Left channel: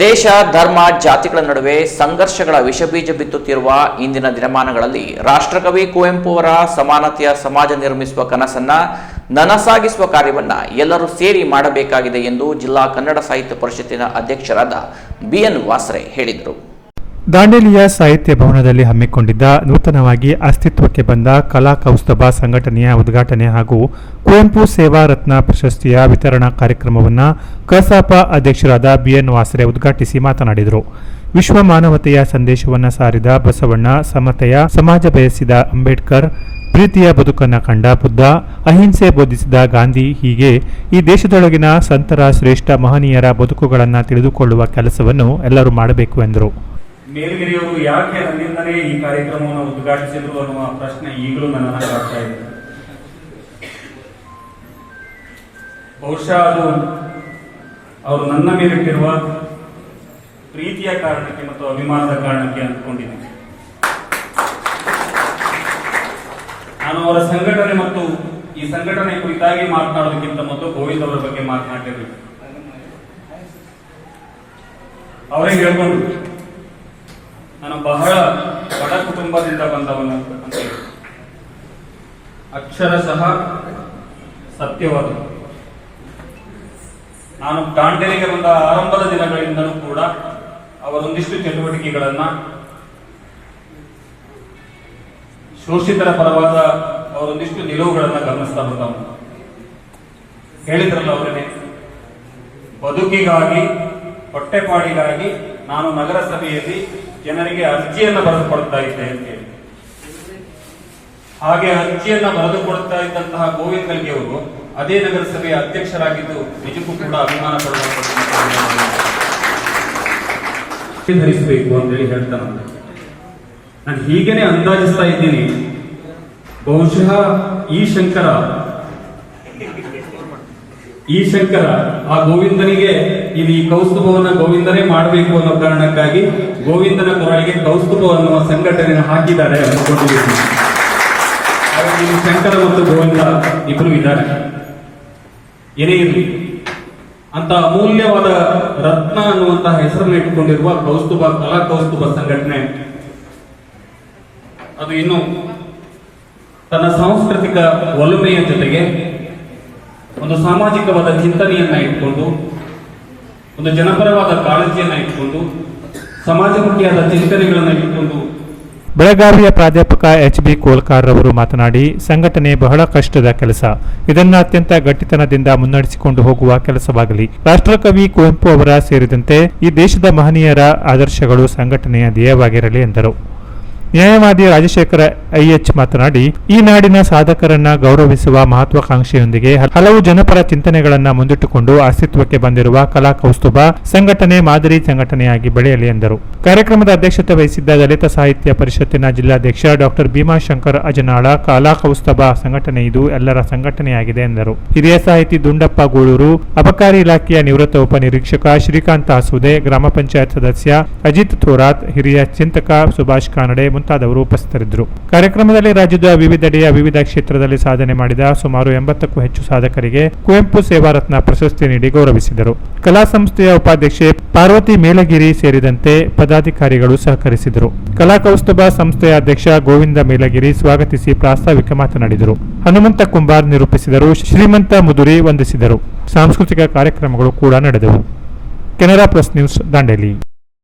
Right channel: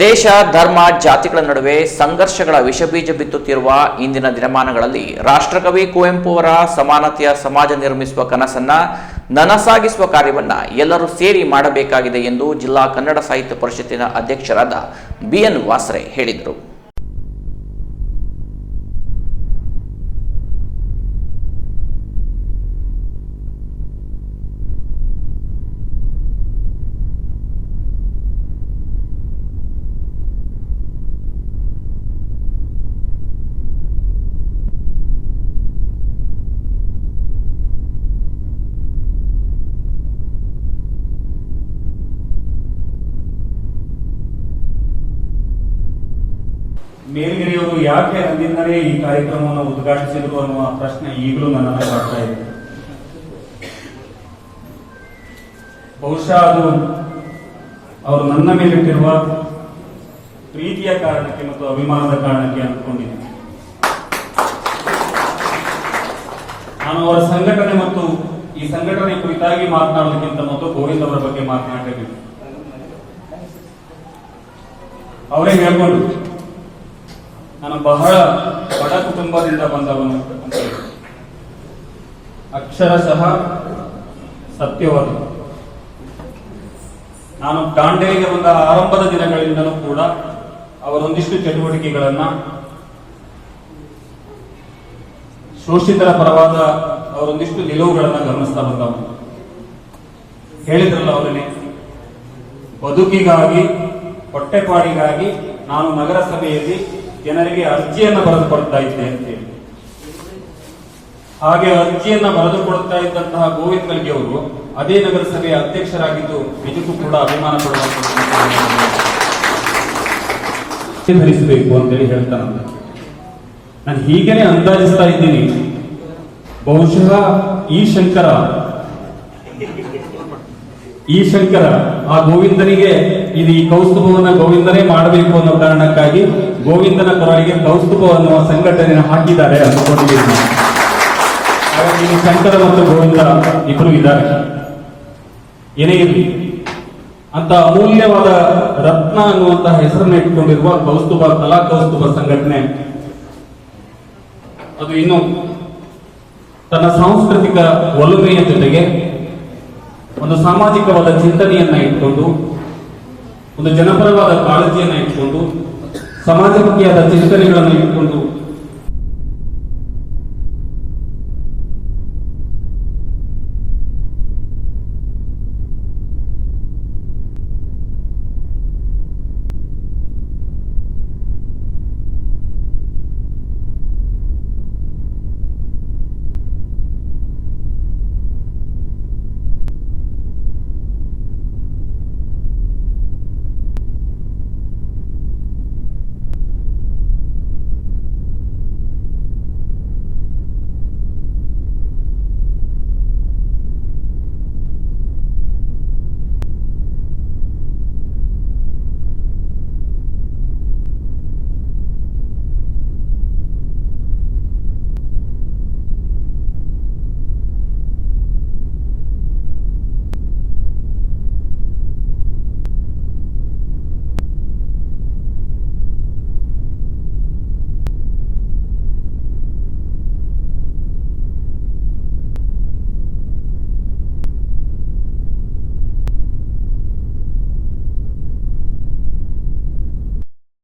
ದೇಶ, ಧರ್ಮ, ಜಾತಿಗಳ ನಡುವೆ ಸಂಘರ್ಷಗಳ ವಿಷಬೀಜ ಬಿತ್ತುತ್ತಿರುವ ಇಂದಿನ ದಿನಮಾನಗಳಲ್ಲಿ ರಾಷ್ಟ್ರಕವಿ ಕುವೆಂಪು ಅವರ ಸಮಾನತೆಯ ಸಮಾಜ ನಿರ್ಮಿಸುವ ಕನಸನ್ನ ನನಸಾಗಿಸುವ ಕಾರ್ಯವನ್ನ ಎಲ್ಲರೂ ಸೇರಿ ಮಾಡಬೇಕಾಗಿದೆ ಎಂದು ಜಿಲ್ಲಾ ಕನ್ನಡ ಸಾಹಿತ್ಯ ಪರಿಷತ್ತಿನ ಅಧ್ಯಕ್ಷರಾದ ಬಿಎನ್ ವಾಸ್ರೆ ಹೇಳಿದರು. ದಾಂಡೇಲಿಯ ಸಾಹಿತ್ಯ ಭವನದಲ್ಲಿ ಹಮ್ಮಿಕೊಂಡಿದ್ದ ನೂತನವಾಗಿ ಅಸ್ತಿತ್ವಕ್ಕೆ ಬಂದ ಕಲಾ ಕೌಸ್ತಭ ಸಂಘಟನೆಯ ಉದ್ಘಾಟನೆ ಹಾಗೂ ಕುವೆಂಪು ಸೇವಾ ರತ್ನ ಪ್ರಶಸ್ತಿಯ ವಿತರಣಾ ಕಾರ್ಯಕ್ರಮವನ್ನು ಕಸಾಪ ಅಧ್ಯಕ್ಷರಾದ ಬಿಎನ್ ವಾಸರೆ ಉದ್ಘಾಟಿಸಿ ಮಾತನಾಡಿದರು. ವಿಶ್ವ ಮಾನವತೆಯ ಸಂದೇಶವನ್ನು ಸಾರಿದ ಬಸವಣ್ಣ, ಸಮತೆಯ ಸಮಾಜ ಬಯಸಿದ ಅಂಬೇಡ್ಕರ್, ಪ್ರೀತಿಯ ಬದುಕನ್ನು ಕಂಡ ಬುದ್ಧ, ಅಹಿಂಸೆ ಬೋಧಿಸಿದ ಗಾಂಧಿ ಹೀಗೆ ಈ ದೇಶದೊಳಗಿನ ಸಂತರ ಶ್ರೇಷ್ಠ ಮಹನೀಯರ ಬದುಕುಗಳನ್ನು ತಿಳಿದುಕೊಳ್ಳುವ ಕೆಲಸವನ್ನು ಎಲ್ಲರೂ ಮಾಡಬೇಕು ಎಂದರು. ಮೇಲ್ಗಿರಿಯವರು ಯಾಕೆ ಅಲ್ಲಿಂದಲೇ ಈ ಕಾರ್ಯಕ್ರಮವನ್ನು ಉದ್ಘಾಟಿಸಿದ್ರು ಅನ್ನುವ ಪ್ರಶ್ನೆ ಈಗಲೂ ನನ್ನನ್ನು ಕಾಡ್ತಾ ಇದೆ. ಬಹುಶಃ ಅದು ಅವರು ನನ್ನ ಮೇಲಿಟ್ಟಿರುವ ಪ್ರೀತಿಯ ಕಾರಣಕ್ಕೆ ಮತ್ತು ಅಭಿಮಾನದ ಕಾರಣಕ್ಕೆ ಅಂದ್ಕೊಂಡಿದ್ದೀನಿ ನಾನು ಅವರ ಸಂಘಟನೆ ಮತ್ತು ಈ ಸಂಘಟನೆ ಕುರಿತಾಗಿ ಮಾತನಾಡೋದಕ್ಕಿಂತ ಮತ್ತು ಗೋವಿಂದ್ ಅವರ ಬಗ್ಗೆ ಮಾತನಾಡಬೇಕು. ಅವರೇ ಹೇಳ್ಕೊಂಡು ನಾನು ಬಹಳ ಬಡ ಕುಟುಂಬದಿಂದ ಬಂದವನು ಅಂತ ಅಕ್ಷರ ಅಕ್ಷರಶಃ ಸತ್ಯವಾದ ನಾನು ದಾಂಡೇಲಿಗೆ ಬಂದ ಆರಂಭದ ದಿನಗಳಿಂದಲೂ ಕೂಡ ಅವರೊಂದಿಷ್ಟು ಚಟುವಟಿಕೆಗಳನ್ನ ಶೋಷಿತರ ಪರವಾದ ಅವರೊಂದಿಷ್ಟು ನಿಲುವುಗಳನ್ನ ಗಮನಿಸ್ತಾ ಬಂದವನು. ಹೇಳಿದ್ರಲ್ಲ ಅವರೇ ಬದುಕಿಗಾಗಿ, ಹೊಟ್ಟೆಪಾಡಿಗಾಗಿ ನಾನು ನಗರಸಭೆಯಲ್ಲಿ ಜನರಿಗೆ ಅರ್ಜಿಯನ್ನ ಬರೆದು ಕೊಡ್ತಾ ಇದ್ದೆ ಅಂತ ಹೇಳಿ. ಹಾಗೆ ಅರ್ಜಿಯನ್ನ ಬರೆದು ಕೊಡ್ತಾ ಇದ್ದಂತಹ ಗೋವಿಂದ್ ಕಲ್ಗೆ ಅವರು ಅದೇ ನಗರಸಭೆಯ ಅಧ್ಯಕ್ಷರಾಗಿದ್ದು ನಿಜಕ್ಕೂ ಕೂಡ ಅಭಿಮಾನ ಪಡುವಂತ ಧರಿಸಬೇಕು ಅಂತೇಳಿ ಹೇಳ್ತಾನೆ ನಾನು ಹೀಗೇನೆ ಅಂದಾಜಿಸ್ತಾ ಇದ್ದೀನಿ. ಬಹುಶಃ ಈ ಶಂಕರ ಈ ಶಂಕರ ಆ ಗೋವಿಂದನಿಗೆ ಇದು ಈ ಕೌಸ್ತುಭವನ್ನ ಗೋವಿಂದನೇ ಮಾಡಬೇಕು ಅನ್ನೋ ಕಾರಣಕ್ಕಾಗಿ ಗೋವಿಂದನ ಪರವಾಗಿ ಕೌಸ್ತುಭ ಅನ್ನುವ ಸಂಘಟನೆ ಹಾಕಿದ್ದಾರೆ ಅಂದ್ಕೊಂಡಿದ್ದೀನಿ ಇಲ್ಲಿ ಶಂಕರ ಮತ್ತು ಗೋವಿಂದ ಇಬ್ಬರು ಇದ್ದಾರೆ. ಏನೇ ಇರಲಿ, ಅಂತ ಅಮೂಲ್ಯವಾದ ರತ್ನ ಅನ್ನುವಂತಹ ಹೆಸರನ್ನು ಇಟ್ಟುಕೊಂಡಿರುವ ಕೌಸ್ತುಭ, ಕಲಾ ಕೌಸ್ತುಭ ಸಂಘಟನೆ. ಅದು ಇನ್ನು ತನ್ನ ಸಾಂಸ್ಕೃತಿಕ ಒಲುಮೆಯ ಜೊತೆಗೆ ಒಂದು ಸಾಮಾಜಿಕವಾದ ಚಿಂತನೆಯನ್ನ ಇಟ್ಕೊಂಡು, ಒಂದು ಜನಪರವಾದ ಕಾಳಜಿಯನ್ನ ಇಟ್ಕೊಂಡು, ಸಮಾಜಮುಖಿಯಾದ ಚಿಂತನೆಗಳನ್ನ ಇಟ್ಕೊಂಡು. ಬೆಳಗಾವಿಯ ಪ್ರಾಧ್ಯಾಪಕ ಎಚ್ ಬಿ ಕೋಲ್ಕಾರ್ ಅವರು ಮಾತನಾಡಿ, ಸಂಘಟನೆ ಬಹಳ ಕಷ್ಟದ ಕೆಲಸ. ಇದನ್ನು ಅತ್ಯಂತ ಗಟ್ಟಿತನದಿಂದ ಮುನ್ನಡೆಸಿಕೊಂಡು ಹೋಗುವ ಕೆಲಸವಾಗಲಿ. ರಾಷ್ಟ್ರಕವಿ ಕುವೆಂಪು ಅವರ ಸೇರಿದಂತೆ ಈ ದೇಶದ ಮಹನೀಯರ ಆದರ್ಶಗಳು ಸಂಘಟನೆಯ ಧ್ಯೇಯವಾಗಿರಲಿ ಎಂದರು. ನ್ಯಾಯವಾದಿ ರಾಜಶೇಖರ ಐಎಚ್ ಮಾತನಾಡಿ, ಈ ನಾಡಿನ ಸಾಧಕರನ್ನ ಗೌರವಿಸುವ ಮಹತ್ವಾಕಾಂಕ್ಷೆಯೊಂದಿಗೆ ಹಲವು ಜನಪರ ಚಿಂತನೆಗಳನ್ನ ಮುಂದಿಟ್ಟುಕೊಂಡು ಅಸ್ತಿತ್ವಕ್ಕೆ ಬಂದಿರುವ ಕಲಾ ಕೌಸ್ತುಭ ಸಂಘಟನೆ ಮಾದರಿ ಸಂಘಟನೆಯಾಗಿ ಬೆಳೆಯಲಿ ಎಂದರು. ಕಾರ್ಯಕ್ರಮದ ಅಧ್ಯಕ್ಷತೆ ವಹಿಸಿದ್ದ ದಲಿತ ಸಾಹಿತ್ಯ ಪರಿಷತ್ತಿನ ಜಿಲ್ಲಾಧ್ಯಕ್ಷ ಡಾಕ್ಟರ್ ಭೀಮಾಶಂಕರ್ ಅಜನಾಳ, ಕಲಾ ಕೌಸ್ತುಭ ಸಂಘಟನೆ ಇದು ಎಲ್ಲರ ಸಂಘಟನೆಯಾಗಿದೆ ಎಂದರು. ಹಿರಿಯ ಸಾಹಿತಿ ದುಂಡಪ್ಪ ಗೂಳೂರು, ಅಬಕಾರಿ ಇಲಾಖೆಯ ನಿವೃತ್ತ ಉಪನಿರೀಕ್ಷಕ ಶ್ರೀಕಾಂತ್ ಆಸುದೆ ಗ್ರಾಮ ಪಂಚಾಯತ್ ಸದಸ್ಯ ಅಜಿತ್ ಥೋರಾತ್, ಹಿರಿಯ ಚಿಂತಕ ಸುಭಾಷ್ ಕಾನಡೆ ಮುಂತಾದವರು ಉಪಸ್ಥಿತರಿದ್ದರು. ಕಾರ್ಯಕ್ರಮದಲ್ಲಿ ರಾಜ್ಯದ ವಿವಿಧೆಡೆಯ ವಿವಿಧ ಕ್ಷೇತ್ರದಲ್ಲಿ ಸಾಧನೆ ಮಾಡಿದ ಸುಮಾರು ಎಂಬತ್ತಕ್ಕೂ ಹೆಚ್ಚು ಸಾಧಕರಿಗೆ ಕುವೆಂಪು ಸೇವಾ ರತ್ನ ಪ್ರಶಸ್ತಿ ನೀಡಿ ಗೌರವಿಸಿದರು. ಕಲಾ ಸಂಸ್ಥೆಯ ಉಪಾಧ್ಯಕ್ಷೆ ಪಾರ್ವತಿ ಮೇಲಗಿರಿ ಸೇರಿದಂತೆ ಪದಾಧಿಕಾರಿಗಳು ಸಹಕರಿಸಿದರು. ಕಲಾ ಕೌಸ್ತುಭ ಸಂಸ್ಥೆಯ ಅಧ್ಯಕ್ಷ ಗೋವಿಂದ ಮೇಲಗಿರಿ ಸ್ವಾಗತಿಸಿ ಪ್ರಾಸ್ತಾವಿಕ ಮಾತನಾಡಿದರು. ಹನುಮಂತ ಕುಂಬಾರ್ ನಿರೂಪಿಸಿದರು, ಶ್ರೀಮಂತ ಮುದುರಿ ವಂದಿಸಿದರು. ಸಾಂಸ್ಕೃತಿಕ ಕಾರ್ಯಕ್ರಮಗಳು ಕೂಡ ನಡೆದವು. Canara press news Dandeli.